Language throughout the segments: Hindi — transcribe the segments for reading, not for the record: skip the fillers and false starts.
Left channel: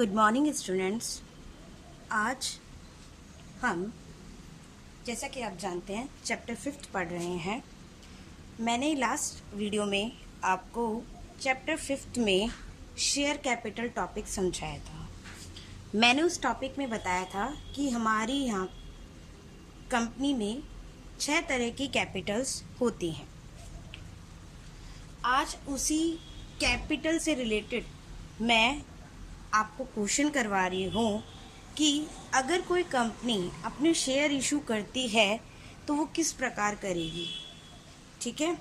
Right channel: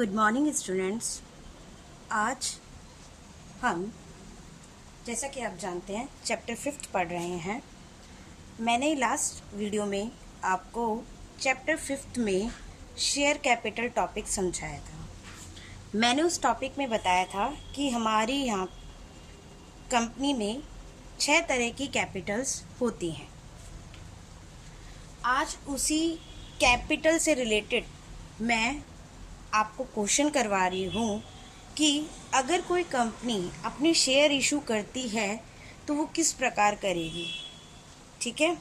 Good morning students. आज हम जैसा कि आप जानते हैं चैप्टर 5 पढ़ रहे हैं। मैंने लास्ट वीडियो में आपको चैप्टर 5 में शेयर कैपिटल टॉपिक समझाया था। मैंने उस टॉपिक में बताया था कि हमारी यहाँ कंपनी में 6 तरह की कैपिटल्स होती हैं। आज उसी कैपिटल से रिलेटेड मैं आपको क्वेश्चन करवा रही हूँ कि अगर कोई कंपनी अपने शेयर इशू करती है तो वो किस प्रकार करेगी। ठीक है,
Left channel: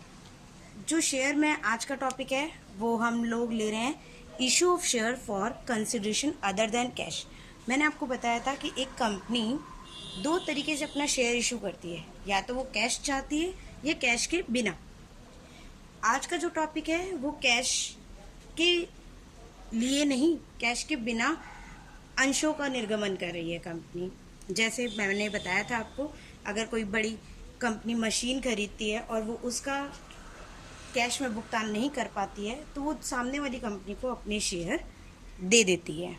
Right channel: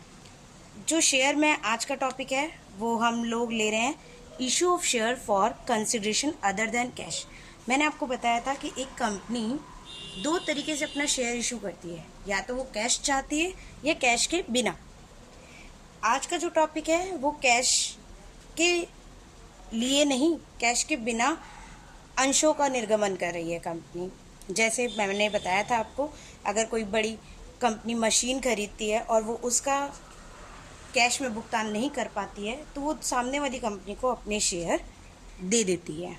जो शेयर में आज का टॉपिक है वो हम लोग ले रहे हैं issue of share for consideration other than cash. मैंने आपको बताया था कि एक कंपनी 2 तरीके से अपना शेयर इशू करती है, या तो वो कैश चाहती है या कैश के बिना। आज का जो टॉपिक है वो कैश के लिए नहीं, कैश के बिना अंशों का निर्गमन कर रही है कंपनी। जैसे मैंने बताया था आपको, अगर कोई बड़ी कंपनी मशीन खरीदती है और वो उसका कैश में भुगतान नहीं कर पाती है तो वो सामने वाली कंपनी को अपने शेयर दे देती है,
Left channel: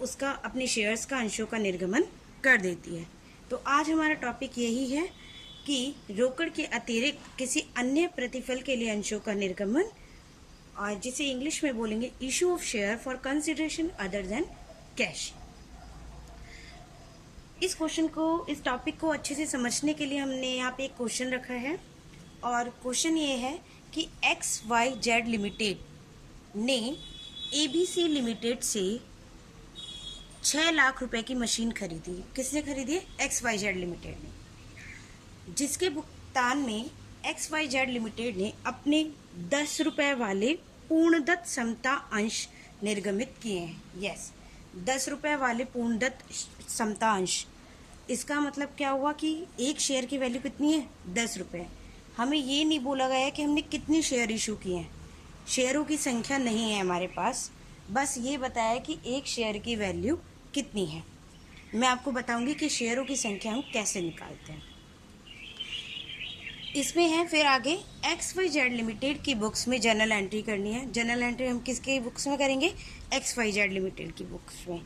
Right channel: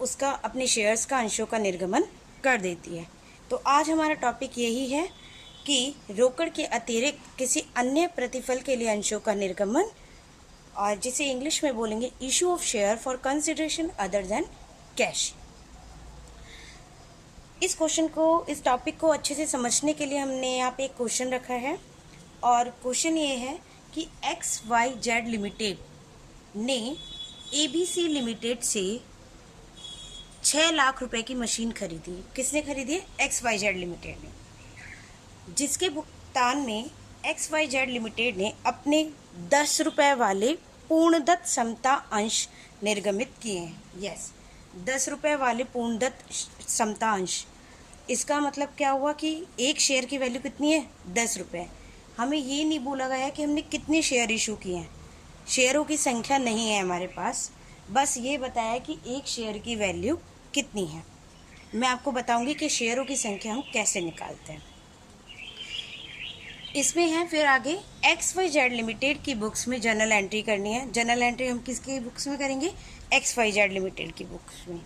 उसका अपने शेयर्स का अंशों का निर्गमन कर देती है। तो आज हमारा टॉपिक यही है कि रोकड़ के अतिरिक्त किसी अन्य प्रतिफल के लिए अंशों का निर्गमन, और जिसे इंग्लिश में बोलेंगे issue of share for consideration other than cash. इस क्वेश्चन को, इस टॉपिक को अच्छे से समझने के लिए हमने यहाँ पे एक क्वेश्चन रखा है, और क्वेश्चन ये है कि XYZ लिमिटेड ने ABC लिमिटेड से 6 लाख रुपए की मशीन खरीदी। किसने खरीदी है? XYZ लिमिटेड ने, जिसके भुगतान में XYZ लिमिटेड ने अपने 10 रुपए वाले पूर्णदत्त समता अंश निर्गमित किए हैं। यस, 10 रुपए वाले पूर्णदत्त समता अंश। इसका मतलब क्या हुआ कि एक शेयर की वैल्यू कितनी है? 10 रुपये। हमें ये नहीं बोला गया कि हमने कितने शेयर इशू किए हैं, शेयरों की संख्या नहीं है हमारे पास, बस ये बताया कि एक शेयर की वैल्यू कितनी है। मैं आपको बताऊंगी कि शेयरों की संख्या हम कैसे निकालते हैं। इसमें है फिर आगे XYZ लिमिटेड की बुक्स में जर्नल एंट्री करनी है। जर्नल एंट्री हम किसके बुक्स में करेंगे? XYZ लिमिटेड की बुक्स में।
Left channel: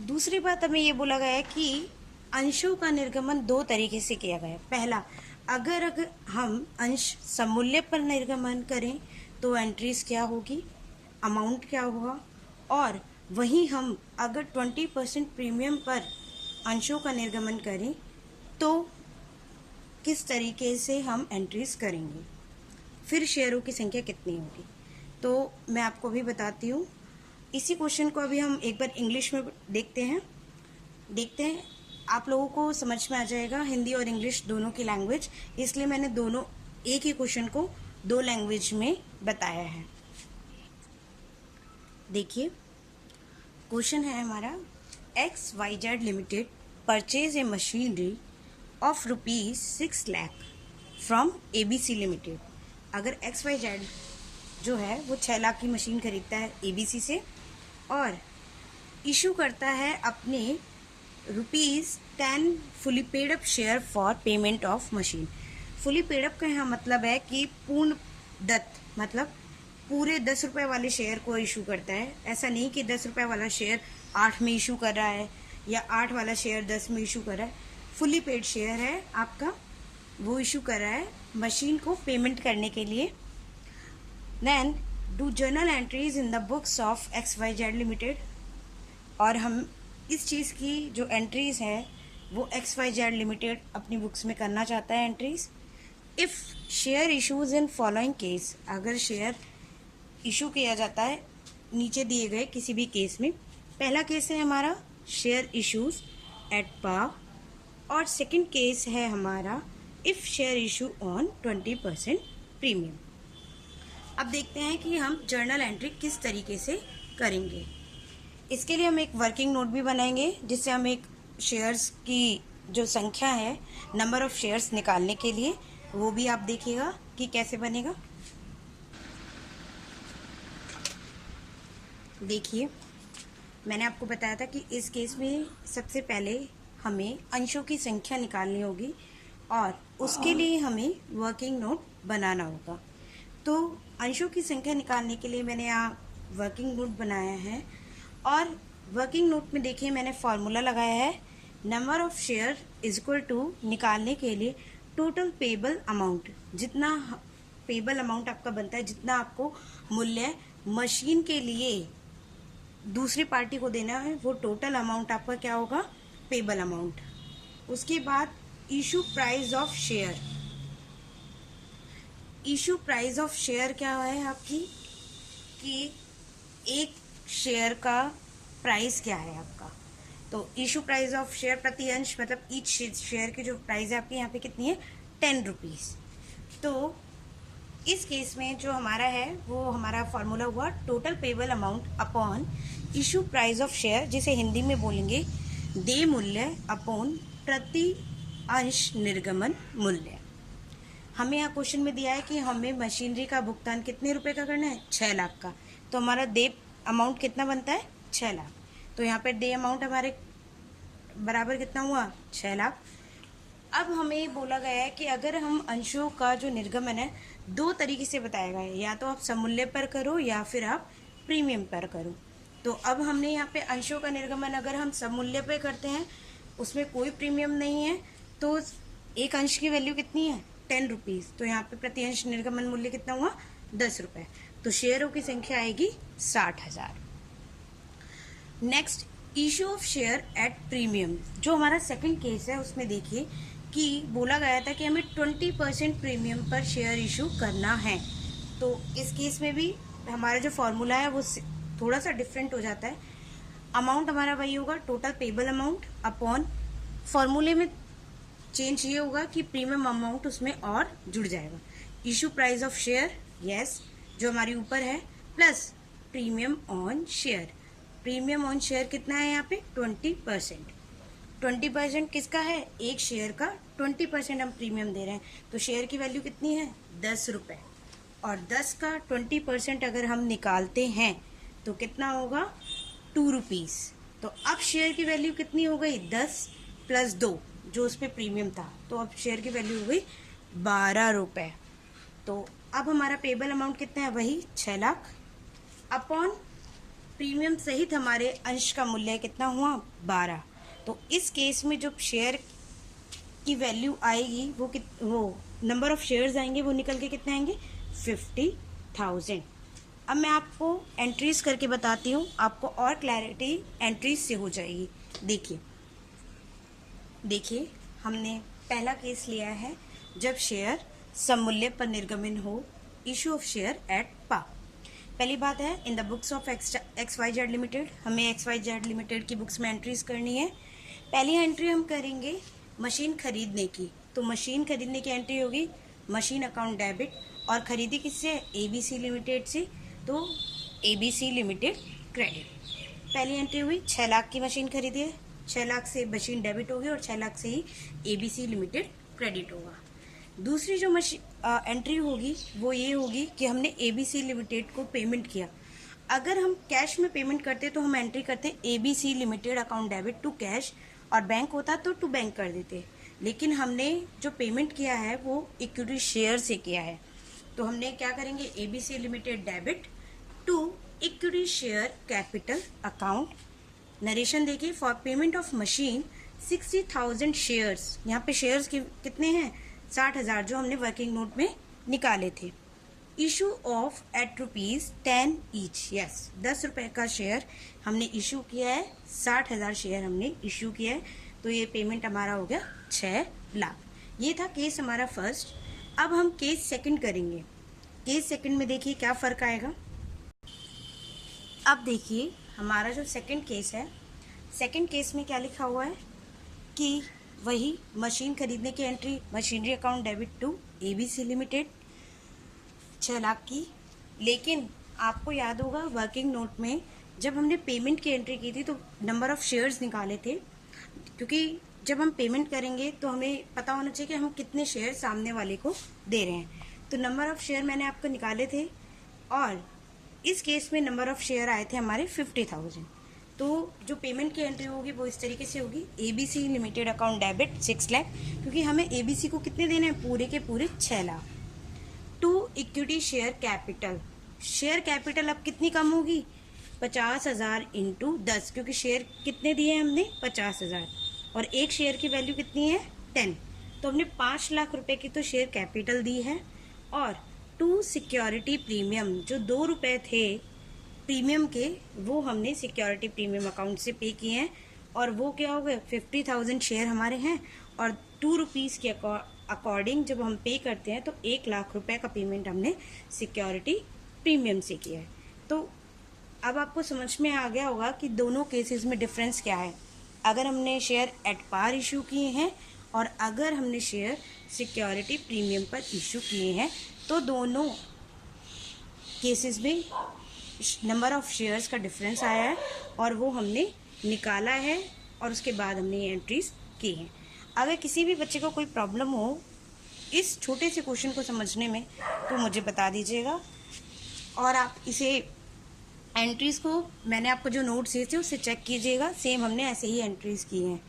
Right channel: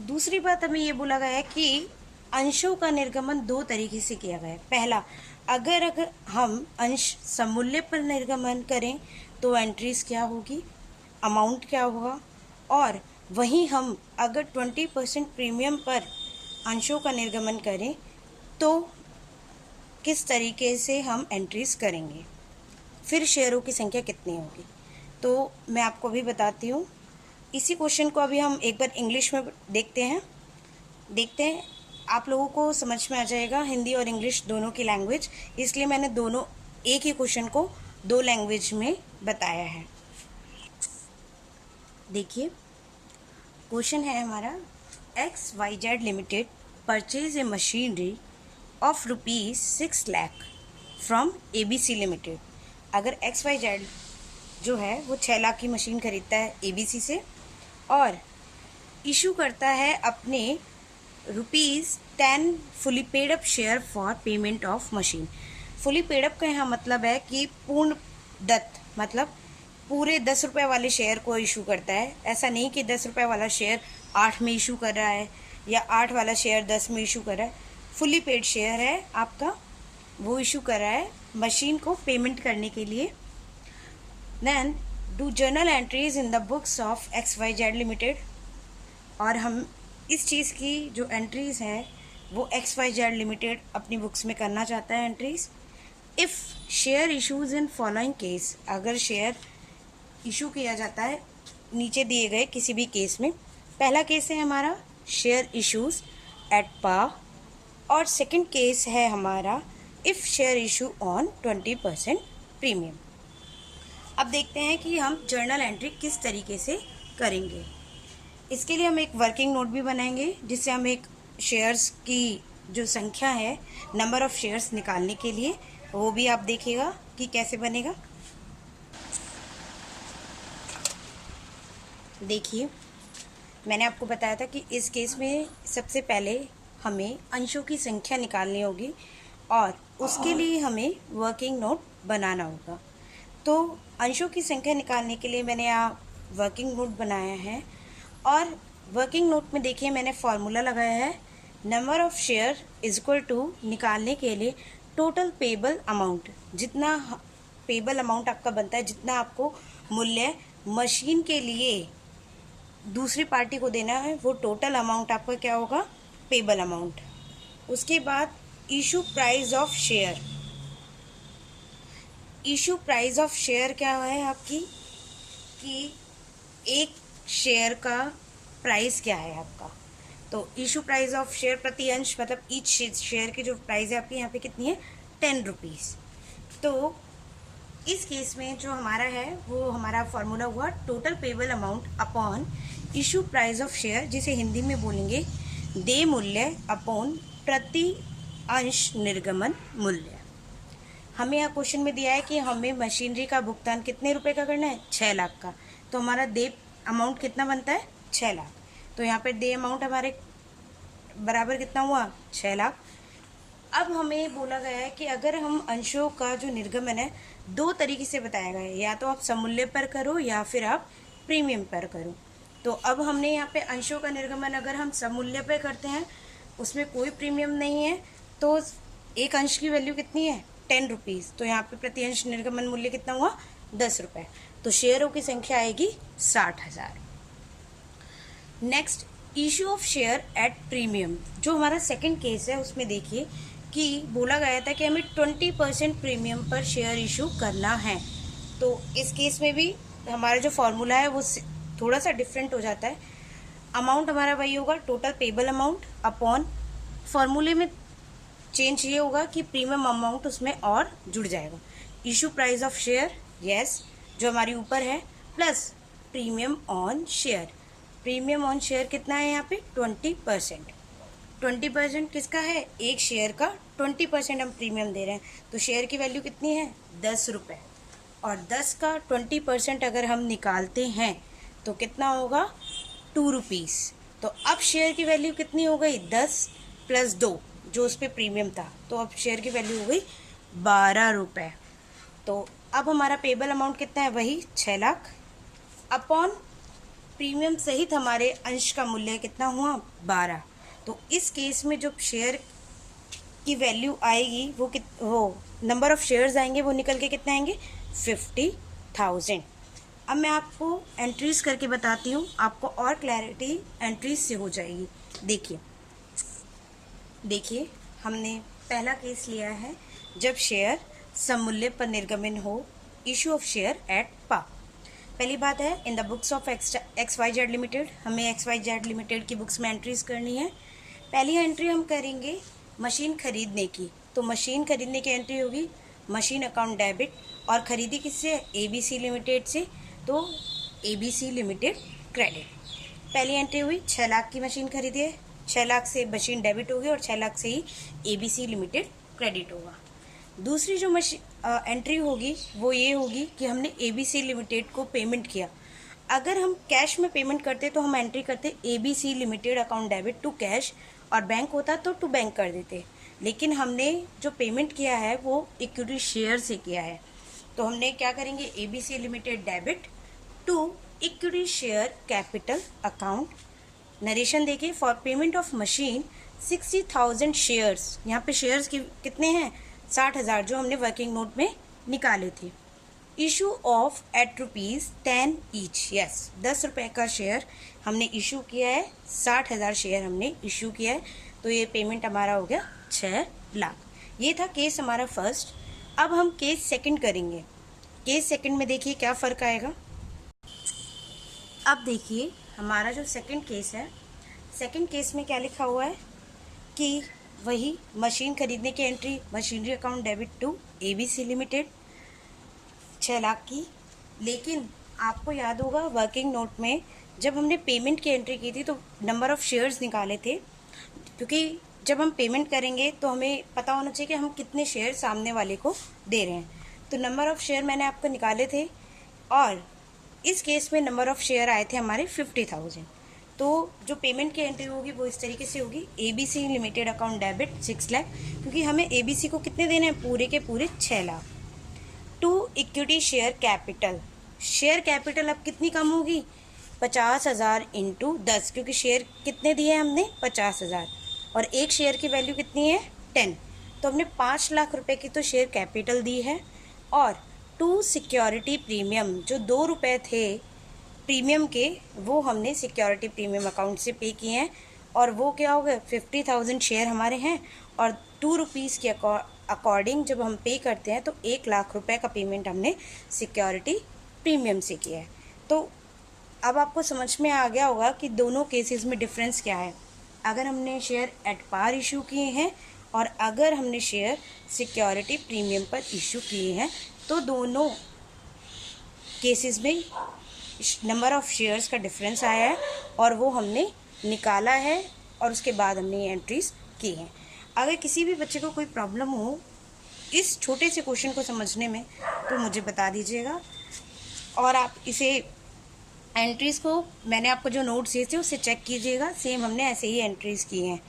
दूसरी बात, हमें ये बोला गया है कि अंशों का निर्गमन 2 तरीके से किया गया है। पहला, अगर हम अंश समूल्य पर निर्गमन करें तो एंट्रीज क्या होगी, अमाउंट क्या होगा, और वहीं हम अगर 20% प्रीमियम पर अंशों का निर्गमन करें तो किस तरीके से हम एंट्रीज करेंगे, फिर शेयरों की संख्या कितनी होगी। तो मैं आपको अभी बताती हूँ। इसी क्वेश्चन को अभी हम एक बार इंग्लिश में देखते हैं, आप लोगों को समझ में आ जाएगा हिंदी और इंग्लिश दोनों की लैंग्वेज, इसलिए मैंने दोनों एक ही क्वेश्चन को 2 लैंग्वेज में बताया है। देखिए, क्वेश्चन है हमारा, XYZ limited purchase a machinery of ₹6 lakh from ABC limited. अगर XYZ जो है वो 6 लाख की मशीन खरीदता है ABC से और इशू करता है अपने ₹10 fully paid up share for payment of machine. Fully paid up का यहाँ मतलब है कि पूर्ण दत्त, मतलब पूरे 10 रुपये वाले शेयर को इशू करता है। ऐसा नहीं कि 10 रुपये वाला शेयर 8 में इशू कर रहा है या 8 वाला शेयर 10 में इशू कर रहा है। फुली पेड शेयर है आपका, वो इशू कर रहा है मशीन को पेमेंट करने के लिए। Then do journal entries in the books of XYZ limited, और हम इस चीज़ की जो एंट्रीज है वो XYZ लिमिटेड अपनी बुक्स में करना चाहता है entries. If share issues in following case, अगर शेयर इशू किया जाता है नीचे दिए गए किसी भी केस में। पहला केस है हमारा शेयर इशूज एट पार, और सेकंड केस है हमारा if share issue on 20% premium. अब देखते हैं कि हम जर्नल एंट्री किस तरीके से करेंगे। इसके लिए हम एक वर्किंग नोट भी बनाएंगे, जिससे हम एक शेयर्स की जो संख्या है, नंबर ऑफ शेयर्स निकालने के लिए, वो भी आप देखिएगा कि कैसे बनेगा। देखिए, मैंने आपको बताया था कि इस केस में सबसे पहले हमें अंशों की संख्या निकालनी होगी और उसके लिए हमें वर्किंग नोट बनाना होगा। तो अंशों की संख्या निकालने के लिए मैंने यहाँ वर्किंग नोट बनाया है और वर्किंग नोट में देखिए मैंने फॉर्मूला लगाया है, number of share is equal to निकालने के लिए टोटल पेबल अमाउंट, जितना पेबल अमाउंट आपका बनता है, जितना आपको मूल्य मशीन के लिए दूसरी पार्टी को देना है, वो टोटल अमाउंट आपका क्या होगा, पेबल अमाउंट। उसके बाद issue price of share. Issue price of share क्या है आपकी, कि एक शेयर का प्राइस क्या है आपका। तो इशू प्राइस ऑफ शेयर प्रति अंश, मतलब ईच शेयर की जो प्राइस है आपकी यहाँ पे कितनी है, 10 रुपीज़। तो इस केस में जो हमारा है वो हमारा फॉर्मूला हुआ total payable amount upon issue price of share, जिसे हिंदी में बोलेंगे देय मूल्य अपॉन प्रति अंश निर्गमन मूल्य। हमें यहाँ क्वेश्चन में दिया है कि हमें मशीनरी का भुगतान कितने रुपए का करना है, 6 लाख का। तो हमारा देय अमाउंट कितना बनता है, 6 लाख। तो यहाँ पे देय अमाउंट हमारे बराबर कितना हुआ, 6 लाख। अब हमें बोला गया है कि अगर हम अंशों का जो निर्गमन है 2 तरीके से बताया गया है, या तो आप सममूल्य पर करो या फिर आप प्रीमियम पर करो। तो अब हमने यहाँ पे अंशों का निर्गमन अगर हम सममूल्य पे करते हैं, उसमें कोई प्रीमियम नहीं है, तो एक अंश की वैल्यू कितनी है, 10 रुपीज़। तो यहाँ पे प्रति अंश निर्गमन मूल्य कितना हुआ, 10 रुपये। तो शेयरों की संख्या आएगी 60,000। Next, issue of share at premium. जो हमारा सेकंड केस है उसमें देखिए कि बोला गया था कि हमें 20% प्रीमियम पर शेयर इशू करना है। तो इस केस में भी हमारा जो फॉर्मूला है वो थोड़ा सा डिफरेंट हो जाता है। अमाउंट हमारा वही होगा टोटल पेबल अमाउंट अपॉन, फॉर्मूले में चेंज ये होगा कि प्रीमियम अमाउंट उसमें और जुड़ जाएगा। Issue price of share, yes, जो हमारी ऊपर है, plus premium on share. Premium on share कितना है यहाँ पे, 20%। 20% किसका है, एक शेयर का 20% हम प्रीमियम दे रहे हैं। तो शेयर की वैल्यू कितनी है, 10 रुपये। और 10 का 20% अगर हम निकालते हैं तो कितना होगा, 2 रुपीज़। तो अब शेयर की वैल्यू कितनी हो गई, 10 + 2 जो उस पर प्रीमियम था। तो अब शेयर की वैल्यू हो गई 12 रुपये। तो अब हमारा पेबल अमाउंट कितना है, वही 6 लाख अपॉन प्रीमियम सहित हमारे अंश का मूल्य कितना हुआ, 12। तो इस केस में जो शेयर की वैल्यू आएगी वो नंबर ऑफ शेयर्स आएंगे, वो निकल के कितने आएंगे, 50,000। अब मैं आपको एंट्रीज करके बताती हूँ, आपको और क्लैरिटी एंट्रीज से हो जाएगी। देखिए हमने पहला केस लिया है जब शेयर सममूल्य पर निर्गमन हो, इशू ऑफ शेयर एट पा। पहली बात है, इन the books of XYZ limited, हमें XYZ लिमिटेड की बुक्स में एंट्रीज करनी है। पहली एंट्री हम करेंगे मशीन खरीदने की। तो मशीन खरीदने की एंट्री होगी मशीन अकाउंट डेबिट, और खरीदी किससे, ABC लिमिटेड से। तो ABC लिमिटेड क्रेडिट। पहली एंट्री हुई 6 लाख की मशीन खरीदी है, 6 लाख से मशीन डेबिट होगी और 6 लाख से ही ABC लिमिटेड क्रेडिट होगा। दूसरी जो एंट्री होगी वो ये होगी कि हमने ABC लिमिटेड को पेमेंट किया। अगर हम कैश में पेमेंट करते तो हम एंट्री करते ABC limited account debit to cash, और बैंक होता तो टू बैंक कर देते। लेकिन हमने जो पेमेंट किया है वो इक्विटी शेयर से किया है, तो हमने क्या करेंगे, ABC limited debit to equity share capital account. Narration देखिए, for payment of machine 60,000 shares. यहाँ पे शेयर्स कितने हैं, 60,000, जो हमने वर्किंग नोट में निकाले थे। Issue of at ₹10 each, yes, 10 रुपये का शेयर हमने इशू किया है, 60,000 शेयर हमने इशू किया है। तो ये पेमेंट हमारा हो गया 6 लाख। ये था केस हमारा फर्स्ट। अब हम केस सेकंड करेंगे। केस सेकंड में देखिए क्या फ़र्क आएगा। अब देखिए हमारा जो सेकंड केस है, सेकंड केस में क्या लिखा हुआ है कि वही मशीन खरीदने की entry, machinery account debit to ABC limited 6 lakh की। लेकिन आपको याद होगा वर्किंग नोट में जब हमने पेमेंट की एंट्री की थी तो नंबर ऑफ शेयर्स निकाले थे, क्योंकि जब हम पेमेंट करेंगे तो हमें पता होना चाहिए कि हम कितने शेयर सामने वाले को दे रहे हैं। तो नंबर ऑफ शेयर मैंने आपको निकाले थे, और इस केस में नंबर ऑफ शेयर आए थे हमारे 50,000। तो जो पेमेंट की एंट्री होगी वो इस तरीके से होगी, ABC limited account debit 6 lakh, क्योंकि हमें ABC को कितने देने हैं, पूरे के पूरे 6 lakh, to equity share capital. Share capital अब कितनी कम होगी, 50,000 इंटू 10, क्योंकि शेयर कितने दिए हमने, 50,000, और एक शेयर की वैल्यू कितनी है, 10। तो हमने 5 लाख रुपए की तो शेयर कैपिटल दी है, और 2 सिक्योरिटी प्रीमियम जो 2 रुपये थे प्रीमियम के, वो हमने सिक्योरिटी प्रीमियम अकाउंट से पे किए हैं, और वो क्या हो गए, 50,000 शेयर हमारे हैं, और 2 रुपीज़ के अकॉर्डिंग जब हम पे करते हैं तो 1 लाख रुपए का पेमेंट हमने सिक्योरिटी प्रीमियम से किया है। तो अब आपको समझ में आ गया होगा कि दोनों केसेस में डिफरेंस क्या है। अगर हमने शेयर एट पार इशू किए हैं और अगर हमने शेयर सिक्योरिटी प्रीमियम पर इशू किए हैं, तो दोनों केसेस में नंबर ऑफ शेयर्स का डिफरेंस आया है और वो हमने निकाला है, और उसके बाद हमने ये एंट्रीज की हैं। अगर किसी भी बच्चे को कोई प्रॉब्लम हो इस छोटे से क्वेश्चन को समझने में तो मुझे बता दीजिएगा, और आप इसे एंट्रीज़ को मैंने आपको जो नोट्स दिए थे उससे चेक कीजिएगा, सेम हमने ऐसे ही एंट्रीज़ की हैं।